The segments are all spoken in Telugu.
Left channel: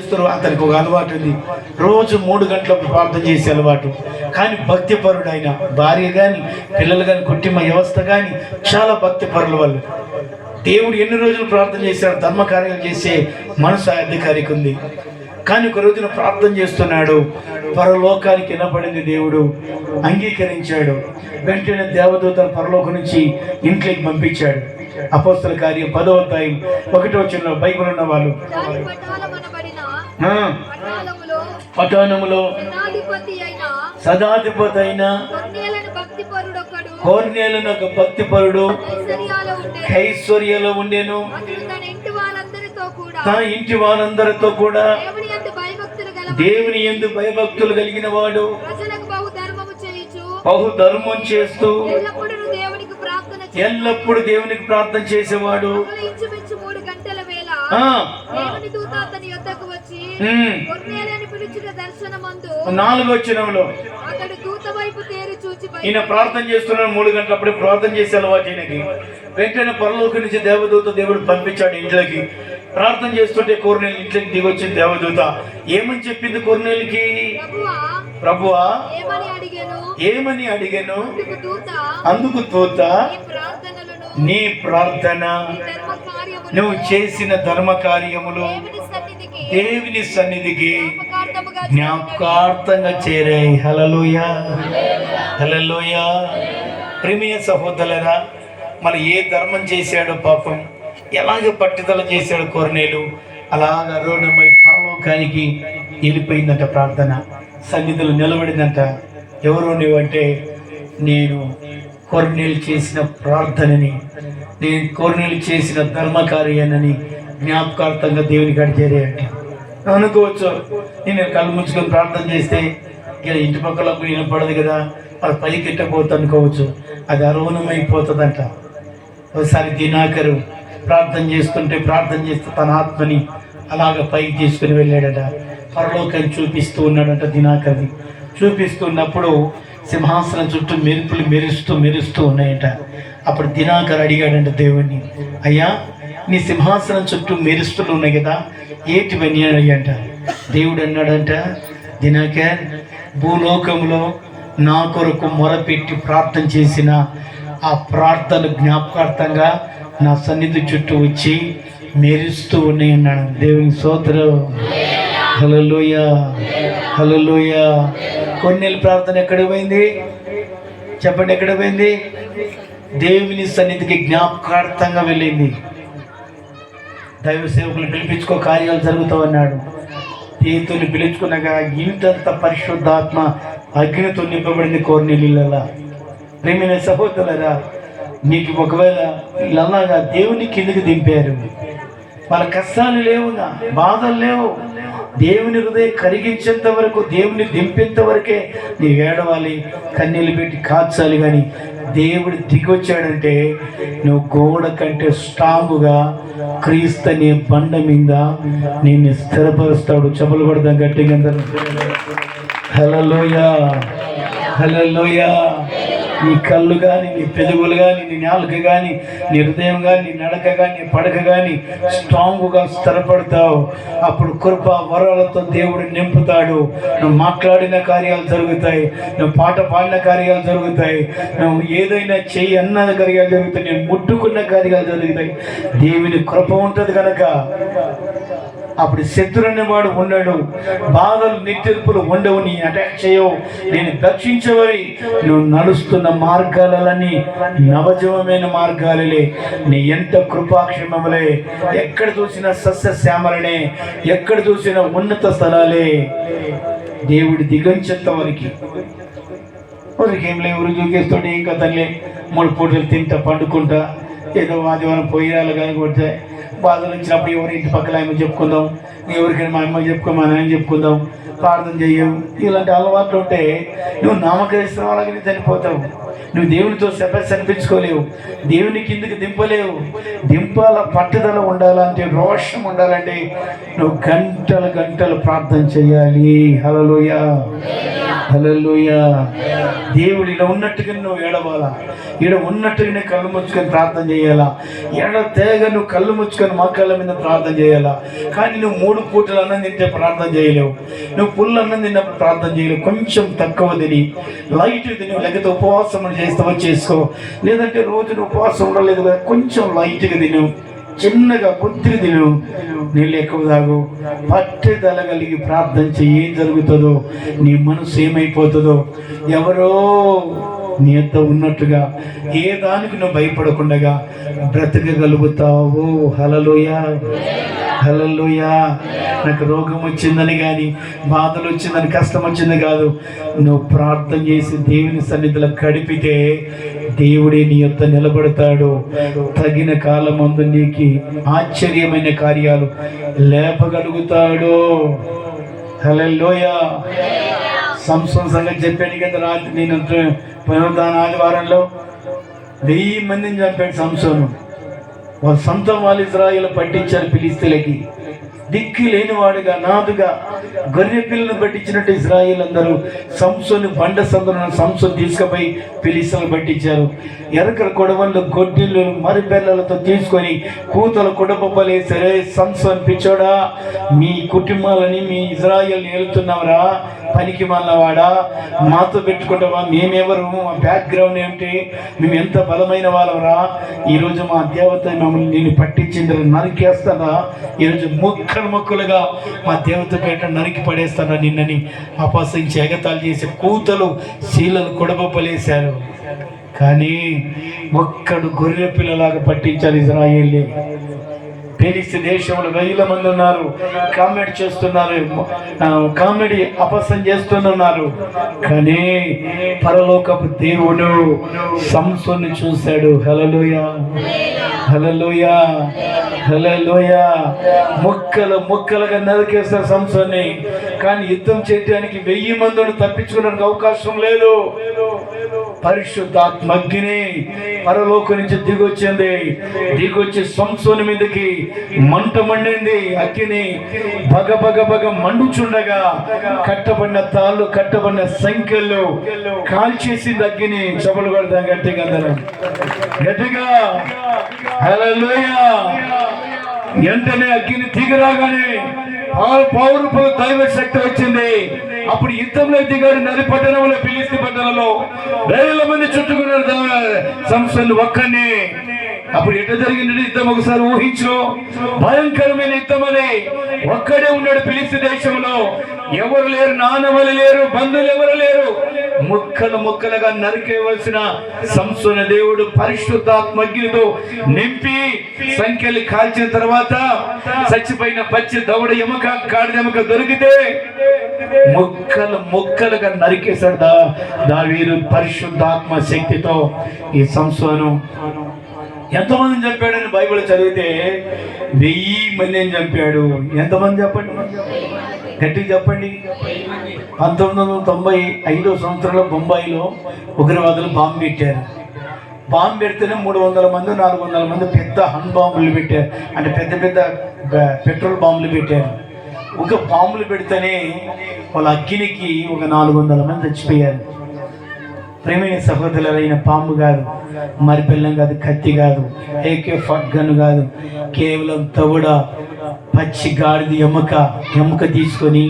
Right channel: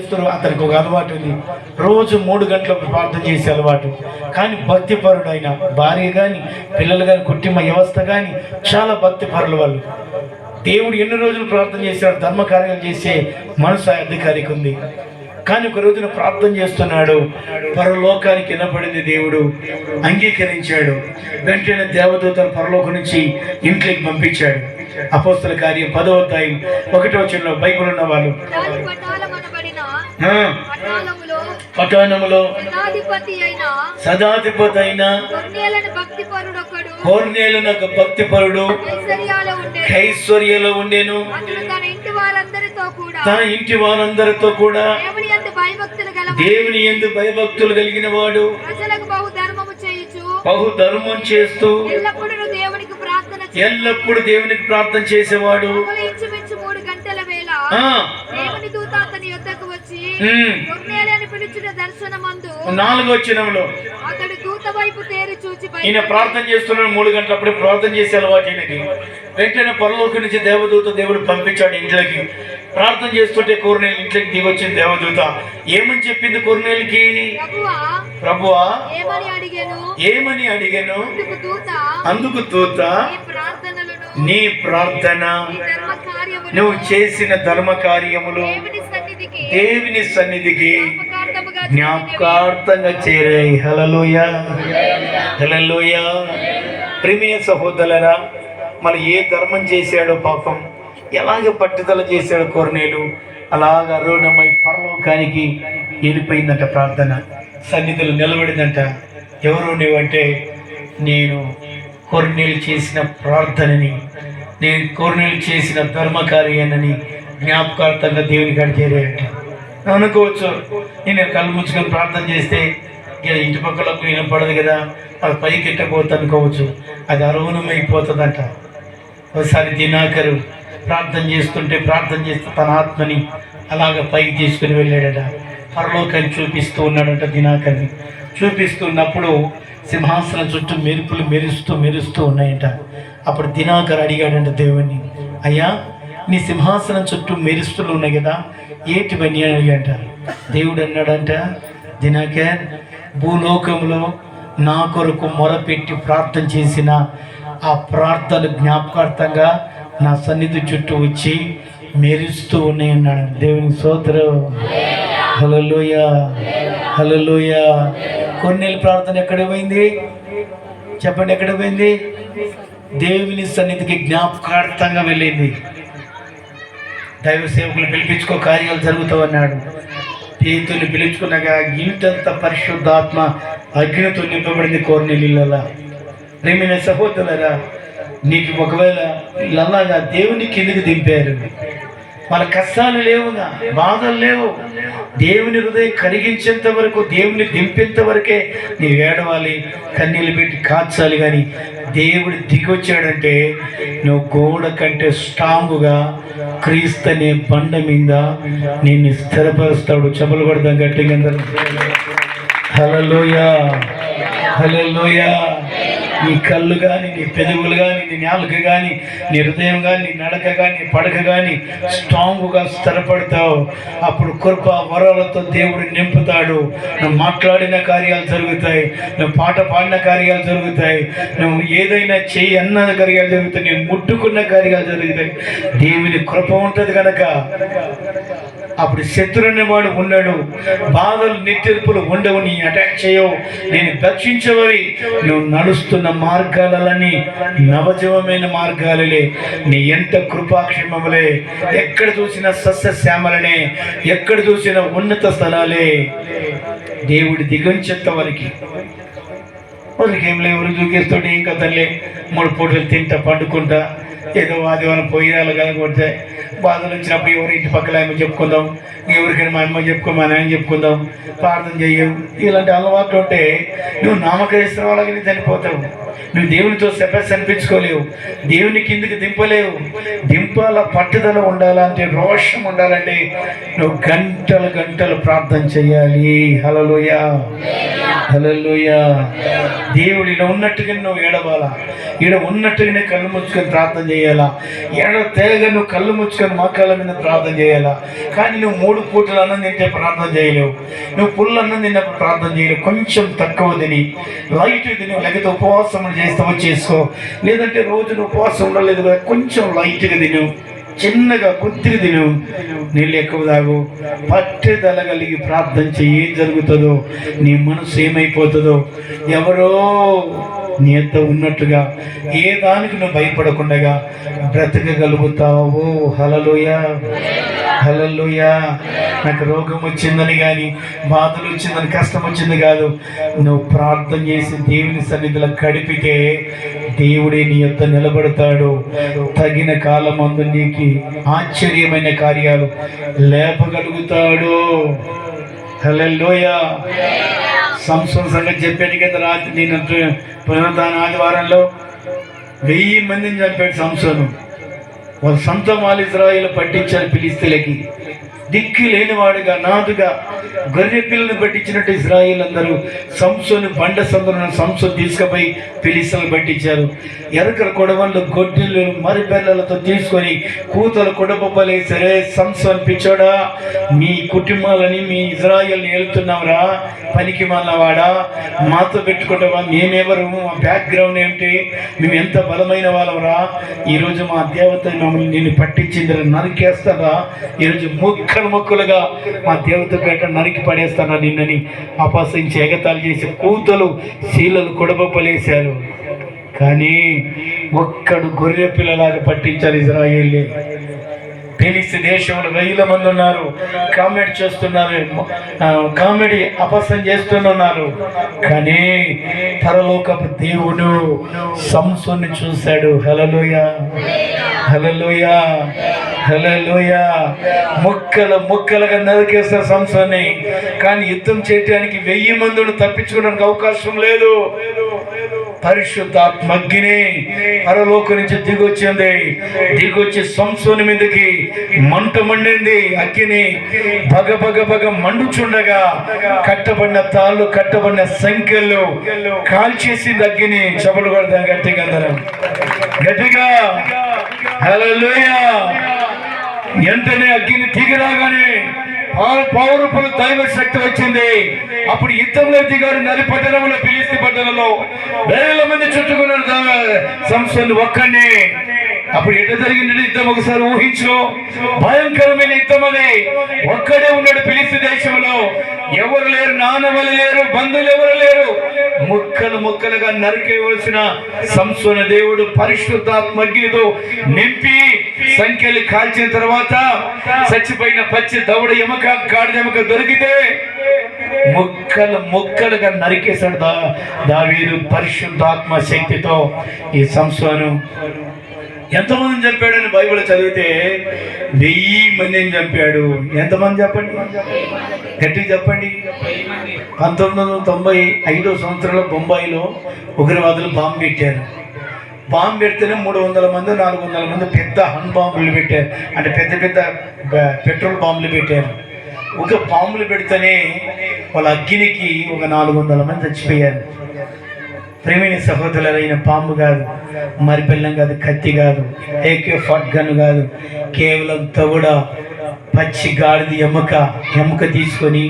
చేస్తారు అతనికి ఒక అలవాటు ఉంది. రోజు మూడు గంటలకు ప్రార్థన చేసే అలవాటు. కానీ భక్తిపరుడు ఆయన భార్య కానీ పిల్లలు కానీ కుటుంబ వ్యవస్థ కానీ చాలా భక్తిపరులు వాళ్ళు. దేవుడు ఎన్ని రోజులు ప్రార్థన చేశాడు ధర్మ కార్యాలు చేసే మనసు అధికారికి ఉంది. కానీ ఒక రోజున ప్రార్థన చేస్తున్నాడు. పరలోకానికి వినపడింది దేవుడు. అంగీకరించాడు. వెంటనే దేవదూతలు పరలోకం నుంచి ఇంట్లోకి పంపించాడు. అపోస్తల కార్యం పదవ అధ్యాయం ఒకటో చిన్న బైబుల్ ఉన్న వాళ్ళు పట్టణములో సదాధిపతి అయిన భక్తి కోర్నేలను ఒక భక్తిపరుడు. ఐశ్వర్యాలు ఉండే. ఐశ్వర్యలో ఉండేను. తన ఇంటి వారందరితో కూడా. దేవుని ఎందు భయభక్తులు కలిగిన వాడు బహు ధర్మం చేస్తూ ఎల్లప్పుడూ దేవునికి ప్రార్థన ఎల్లప్పుడు దేవునికి ప్రార్థన చేసేవాడు చేసి ఇంచుమించు మూడు గంటల వేళ ఆ దేవుని దూత అతని యొద్దకు వచ్చి ఉమ్, కొన్నేళ్ళని పిలిచిన దర్శనమందు నాలుగో వచ్చినంలో అతడు దూత వైపు తేరి చూచి ఈయన ప్రార్థన చేస్తున్నాడు మూడు గంటలప్పుడు ప్రార్థన చేసే అలవాటు ఈయనకి వెంటనే పరలోకి నుంచి దేవదూత దేవుడు పంపించాడు ఇంట్లోకి. ప్రార్థన చేస్తుంటే కోరినేలు ఇంట్లోకి దిగొచ్చింది దేవదూత. ఏమని చెప్పింది కోరినేలకి? ప్రభువా ఏమని అడిగాను? అందుకు దూత నీ ప్రార్థన నువ్వు చేసిన ధర్మ కార్యములు దేవుని సన్నిధికి జ్ఞాపకార్థంగా చేరాయి హలలోయ హలలోయ ప్రేమియ సహోదరులరా మన ఏ ధర్మం చేశాడో పాపం ఎలాగ పట్టుదల చేశాడు కోరనేలు అలాగ అరుణమై పరలోకానికి వెళ్ళిపోయిందంట ప్రార్థన. సన్నిధులు నిలబడిందంట. ఎవరు నీవంటే నేను కొర్నేలు చేసిన ప్రార్థనని నేను కొర్నేలు చేసిన ధర్మకార్యాన్ని జ్ఞాపకార్థంగా దేవుని కాడ చేరాడు అనుకోవచ్చు. నేను కళ్ళు ముచ్చుకొని ప్రార్థన చేస్తే ఇలా ఇంటి పక్కలకు వినపడదు కదా అది పైకి ఎక్కకపోతుంది అనుకోవచ్చు. అది అరుణమైపోతుందంట ఒకసారి దినాకరు ప్రార్థన చేస్తుంటే ప్రార్థన చేస్తే తన ఆత్మని అలాగ పైకి తీసుకుని వెళ్ళాడట. పరలోకాన్ని చూపిస్తూ ఉన్నాడట దినాకర్ని. చూపిస్తున్నప్పుడు సింహాసనం చుట్టూ మెరుపులు మెరుస్తూ మెరుస్తూ ఉన్నాయట. అప్పుడు దినాకర్ అడిగాడంట దేవుణ్ణి అయ్యా నీ సింహాసనం చుట్టూ మెరుస్తులు ఉన్నాయి కదా. ఏటివన్నీ అని అంట దేవుడు అన్నాడంట దినకర్ భూలోకంలో నా కొరకు మొరపెట్టి ప్రార్థన చేసిన ఆ ప్రార్థన జ్ఞాపకార్థంగా నా సన్నిధి చుట్టూ వచ్చి మెరుస్తూ ఉన్నాయి అన్నాడు. దేవుని సోదరు హలలోయ హలలోయ కొన్నేళ్ళ ప్రార్థన ఎక్కడ పోయింది? చెప్పండి ఎక్కడ పోయింది? దేవుని సన్నిధికి జ్ఞాపకార్థంగా వెళ్ళింది. దైవ సేవకులు పిలిపించుకో కార్యాలు జరుగుతావన్నాడు. పేతుని పిలుచుకున్నాక ఇంతంత పరిశుద్ధాత్మ అగ్నితో నింపబడింది కోరినీళ్ళ ప్రేమైన సహోదరులరా నీకు ఒకవేళ వీళ్ళలాగా దేవుని కిందికి దింపారు. మన కష్టాలు లేవుగా బాధలు లేవు. దేవుని హృదయం కరిగించేంత వరకు దేవుని దింపేంత వరకే నీ వేడవాలి కన్నీళ్ళు పెట్టి కాచాలి కానీ దేవుడు దిగొచ్చాడంటే నువ్వు గోడ కంటే స్ట్రాంగ్గా క్రీస్తనే బండ మీద నేను స్థిరపరుస్తాడు. చెప్పులు కొడతాం గట్టిగా హలలోయ హలలోయ నీ కళ్ళు కానీ నీ పెదవులు కానీ నీ నాలుక కానీ నీ హృదయం కానీ నీ నడక కానీ నీ పడక కానీ స్ట్రాంగ్గా స్థిరపడతావు. అప్పుడు కృప వరాలతో దేవుడు నింపుతాడు. నువ్వు మాట్లాడిన కార్యాలు జరుగుతాయి. నువ్వు పాట పాడిన కార్యాలు జరుగుతాయి. నువ్వు ఏదైనా చేయి అన్న కార్యాలు జరుగుతాయి. నువ్వు ముట్టుకున్న కార్యాలు జరుగుతాయి. దేవుని కృప ఉంటుంది కనుక అప్పుడు శత్రు అనేవాడు ఉన్నాడు. బాధలు నిత్యర్పులు ఉండవు నీ అటాక్ చేయవు. నేను దక్షించవని. నువ్వు నడుస్తున్న మార్గాలన్నీ నవజీవమైన మార్గాలలే. నీ ఎంత కృపాక్షేమములే. ఎక్కడ చూసిన సస్యశ్యామలనే. ఎక్కడ చూసిన ఉన్నత స్థలాలే. దేవుడి దిగంచెత్త వరకు వాళ్ళకి ఏం లేవు దూకేస్తాడు ఇంకా తల్లి మూడు పూటలు తింటా పండుకుంటా. ఏదో ఆదివారం పోయిరాలు కనుకొడితే బాధలు వచ్చినప్పుడు ఎవరి ఇంటి పక్కల ఆమె చెప్పుకుందాం ఎవరికైనా మా అమ్మ చెప్పుకో మా నాయన చెప్పుకుందాం ప్రార్థన చెయ్యం ఇలాంటి అలవాట్లు ఉంటే నువ్వు నామకరిస్తున్న వాళ్ళకి చనిపోతావు. నువ్వు దేవునితో సెపరేట్ అనిపించుకోలేవు దేవుని కిందికి దింపలేవు. దింపాల పట్టుదల ఉండాలంటే రోషం ఉండాలంటే నువ్వు గంటలు గంటలు ప్రార్థన చేయాలి. హలలోయ దేవుడు ఇక్కడ ఉన్నట్టుగా నువ్వు ఏడవాలా? ఇక్కడ ఉన్నట్టుగానే కళ్ళు ముచ్చుకొని ప్రార్థన చేయాలా? ఏడ తేగ నువ్వు కళ్ళు ముచ్చుకొని మక్కల మీద ప్రార్థన చేయాలా? కానీ నువ్వు మూడు పూటలు అన్నం తింటే ప్రార్థన చేయలేవు. నువ్వు పుల్లు అన్నం తిన్నప్పుడు ప్రార్థన చేయలేవు. కొంచెం తక్కువ తిని లైట్ తిని లేకపోతే ఉపవాసం చేస్తావో చేసుకో. లేదంటే రోజున ఉపవాసం ఉండలేదు కదా, కొంచెం లైట్గా తిను. చిన్నగా కొద్దిగా తిను. నీళ్ళు ఎక్కువ తాగు. పట్టుదల కలిగి ప్రార్థన చెయ్యి ఏం జరుగుతుందో నీ మనసు ఏమైపోతుందో ఎవరో నీ ఎంత ఉన్నట్టుగా ఏ దానికి నువ్వు భయపడకుండగా బ్రతకగలుగుతావు. హలలోయ హలలోయ నాకు రోగం వచ్చిందని కానీ బాధలు వచ్చిందని కష్టం వచ్చింది కాదు. నువ్వు ప్రార్థన చేసి దేవుని సన్నిధిలో గడిపితే దేవుడే నీ యొక్క నిలబడతాడు. తగిన కాలం అందు నీకు ఆశ్చర్యమైన కార్యాలు లేపగలుగుతాడు. హల్లెలూయ. సంసం సంగతి చెప్పాను కదా రాత్రి నేను పునరుద్ధాన ఆదివారంలో వెయ్యి మందిని చంపాడు సంసోను. వాళ్ళ సొంత మాలిజ్రాయిలు ఇజ్రాయిల్ పట్టించారు ఫిలిస్తీన్లకి. దిక్కు లేనివాడుగా నాదుగా గొర్రె పిల్లలు పట్టించినట్టు ఇజ్రాయిల్ అందరూ సంసోను బండ సందులను సంసో తీసుకుపోయి పిలిసలు పట్టించారు. ఎరకల కొడవళ్ళు గొడ్డెలు మరిబెల్లలతో తీసుకొని కూతలు కుడపలే సరే సంసోన్ పిచ్చోడా మీ కుటుంబాలని మీ ఇజ్రాయిల్ని వెళ్తున్నావురా పనికి వాడా మాతో పెట్టుకుంటావా? మేమెవరు? మా బ్యాక్గ్రౌండ్ ఏమిటి? మేము ఎంత బలమైన వాళ్ళవరా? ఈరోజు మా దేవత మమ్మల్ని నేను పట్టించింది నరికేస్తారా? ఈరోజు ముక్కలు ముక్కలుగా మా దేవత పేట నరికి పడేస్తారా నిన్నని? అపాసించి ఎగతాలు చేసి కూతలు శీలలు కొడబొప్పలేశారు కానీ ఒక్కడు గొర్రె పిల్లలాగా పట్టించాలి ఇజ్రాయేలే. ఫిలిస్తీ దేశంలో వేల మంది ఉన్నారు. కామెడీ చేస్తున్నారు. కామెడీ అపసం చేస్తున్నారు. కానీ పరలోకపు దేవుడు సంసుని చూశాడు. హలలోయ హలలోయ హలలోయ ముక్కలు ముక్కలుగా నరికేస్తారు సంసోని. కానీ యుద్ధం చేయడానికి వెయ్యి మందిని తప్పించుకోవడానికి అవకాశం లేదు. పరిశుద్ధాత్మగ్ని పరలోక నుంచి దిగొచ్చింది. దిగొచ్చి సంసోని మీదకి మంట మండింది. అగ్ని బగ బగ బగ మండుచుండగా కట్టబడిన తాళ్ళు కట్టబడిన సంఖ్యలు కాల్చేసింది అగ్గిని చెబలు కొడతాం గట్టిగా అందరం. గట్టిగా. హల్లెలూయా. వెంటనే అగ్గిని దిగిరాగానే పౌరపులు దైవ శక్తి వచ్చింది. అప్పుడు యుద్ధంలో దిగాడు నది పట్టణంలో పిలిస్తే పట్టణంలో. వేల మంది చుట్టుకున్నారు సంస్థలు ఒక్కడిని. అప్పుడు ఎట జరిగింది యుద్ధం ఒకసారి ఊహించు భయంకరమైన యుద్ధం అది. ఒక్కడే ఉన్నాడు పిలిస్తే దేశంలో. ఎవరు లేరు నానమలు లేరు బంధువులు ఎవరు లేరు. ముక్కలు ముక్కలుగా నరికేవలసిన సంసోన దేవుడు పరిశుద్ధాత్మ నింపి సంఖ్యలు కాల్చిన తర్వాత చచ్చిపోయిన పచ్చి దవడ ఎముక కాడిదెమక ఎముక దొరికితే ముక్కలు ముక్కలుగా నరికేశాడు దా దావీరు పరిశుద్ధాత్మ శక్తితో ఈ సంసోను ఎంతమందిని చంపాడని బైబిల్ చదివితే వెయ్యి మందిని చంపాడు. ఎంతమంది చెప్పండి? గట్టి చెప్పండి. పంతొమ్మిది వందల తొంభై ఐదో సంవత్సరంలో బొంబాయిలో ఉగ్రవాదులు బాంబు పెట్టారు. బాంబు పెడితేనే మూడు వందల మంది నాలుగు వందల మంది పెద్ద హన్ బాంబులు పెట్టారు. అంటే పెద్ద పెద్ద పెట్రోల్ బాంబులు పెట్టారు. ఒక బాంబులు పెడితేనే వాళ్ళ అగ్గినికి ఒక నాలుగు వందల మంది చచ్చిపోయారు. ప్రేమిణి సహోదరులైన పాము కాదు. మరి పిల్లం కాదు కత్తి కాదు ఏకే ఫట్ గన్ కాదు. కేవలం తవుడ పచ్చి గాడిది ఎముక ఎముక తీసుకొని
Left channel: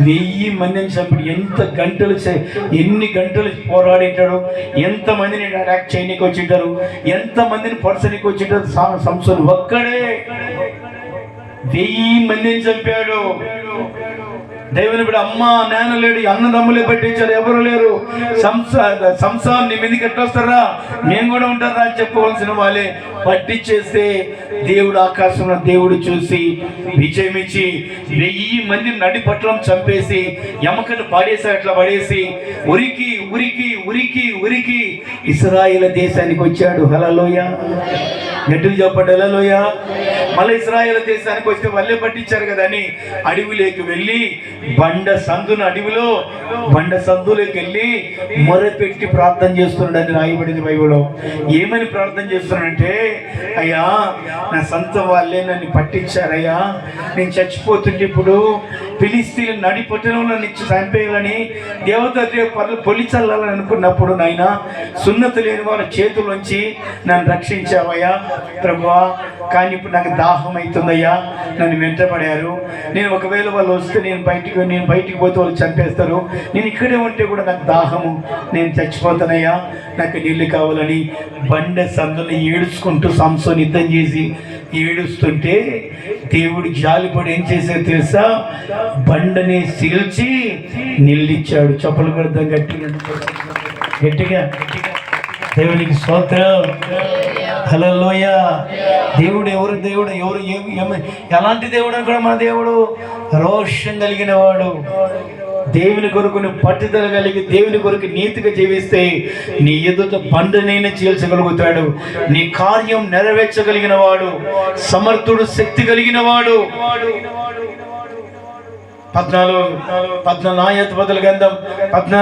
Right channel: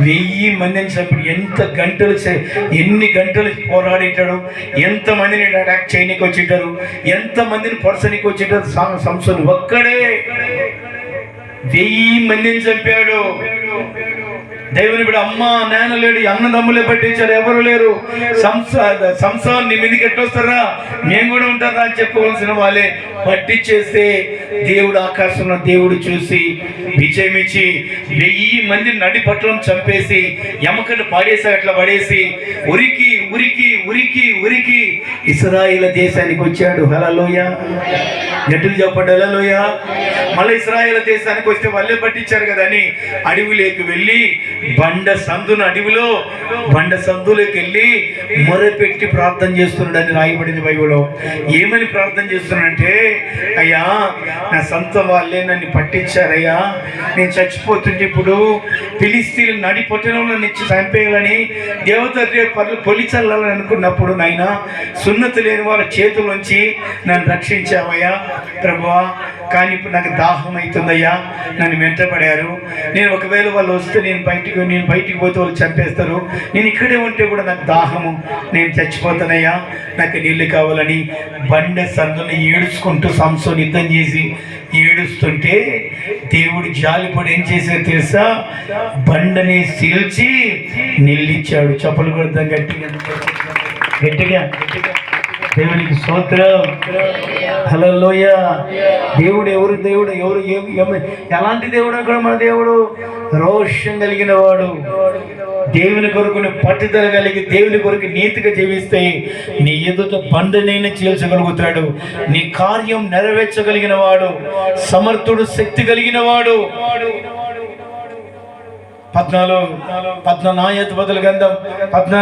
వెయ్యి మందిని చంపి ఎంత గంటలు ఎన్ని గంటలు పోరాడేటాడు ఎంత మందిని అటాక్ చేయనీకి వచ్చింటారు ఎంత మందిని పొడసనికి వచ్చింటారు సంస్థలు ఒక్కడే. వెయ్యి మందిని చంపాడు. దేవుని బిడ్డ అమ్మ నాన్న లేడు అన్నదమ్ములే పట్టించారు ఎవరు లేరు. సంసా సంసారం నీ మీదకి ఎట్లొస్తారా మేము కూడా ఉంటారా అని చెప్పవలసిన వాళ్ళే. పట్టించేస్తే దేవుడు ఆకాశంలో దేవుడు చూసి విజయమిచ్చి వెయ్యి మంది నడి పట్లం చంపేసి ఎమకను పాడేసి అట్లా పడేసి ఉరికి ఉరికి ఉరికి ఉరికి ఇస్రాయిల దేశానికి వచ్చాడు. హలలోయ గట్టులు చెప్పండి హలలోయ మళ్ళీ ఇస్రాయేల్ దేశానికి వస్తే వాళ్ళే పట్టించారు కదా అని అడవిలోకి వెళ్ళి బండ సందున అడవిలో బండ సందులోకి వెళ్ళి మొరపెట్టి ప్రార్థన చేస్తున్నాడని రాయబడింది బైబిల్లో. ఏమని ప్రార్థన చేస్తున్నాడంటే అయ్యా నా సొంత వాళ్ళే నన్ను పట్టించారయ్యా. నేను చచ్చిపోతుంటే ఇప్పుడు పిలిస్తీలు నడి నన్ను ఇచ్చి చంపేయాలని దేవత రేపు పొలి చల్లాలని అనుకున్నప్పుడు నాయన సున్నత లేని వాళ్ళ చేతులోంచి నన్ను రక్షించావయ్యా. ప్రభువా కానీ ఇప్పుడు నాకు దాహం అవుతుందయ్యా. నన్ను వెంటబడారు నేను ఒకవేళ వాళ్ళు వస్తే నేను బయటికి నేను బయటికి పోతే వాళ్ళు చంపేస్తారు. నేను ఇక్కడే ఉంటే కూడా నాకు దాహము నేను చచ్చిపోతానయ్యా. నాకు నీళ్ళు కావాలని బండ సందుని ఏడుచుకుంటూ సంసోని యుద్ధం చేసి ఏడుస్తుంటే దేవుడు జాలిపడి ఏం చేశారు తెలుసా? బండని సీల్చి నిల్లిచ్చాడు చప్పలు కొడతాం గట్టిగా. గట్టిగా. దేవునికి స్తోత్రం. హలోయ దేవుడు ఎవరు దేవుడు ఎవరు ఎలాంటి దేవుడు అని కూడా మన దేవుడు? రోషం కలిగిన వాడు. దేవుని కొరకు పట్టుదల కలిగి దేవుని కొరకు నీతిగా జీవిస్తే నీ ఎదుట బండనైనా చేల్చగలుగుతాడు నీ కార్యం నెరవేర్చగలిగిన వాడు సమర్థుడు శక్తి కలిగిన వాడు. పద్నాలుగు పద్నాలుగు నాయత బదులు గంధం పద్నాలుగు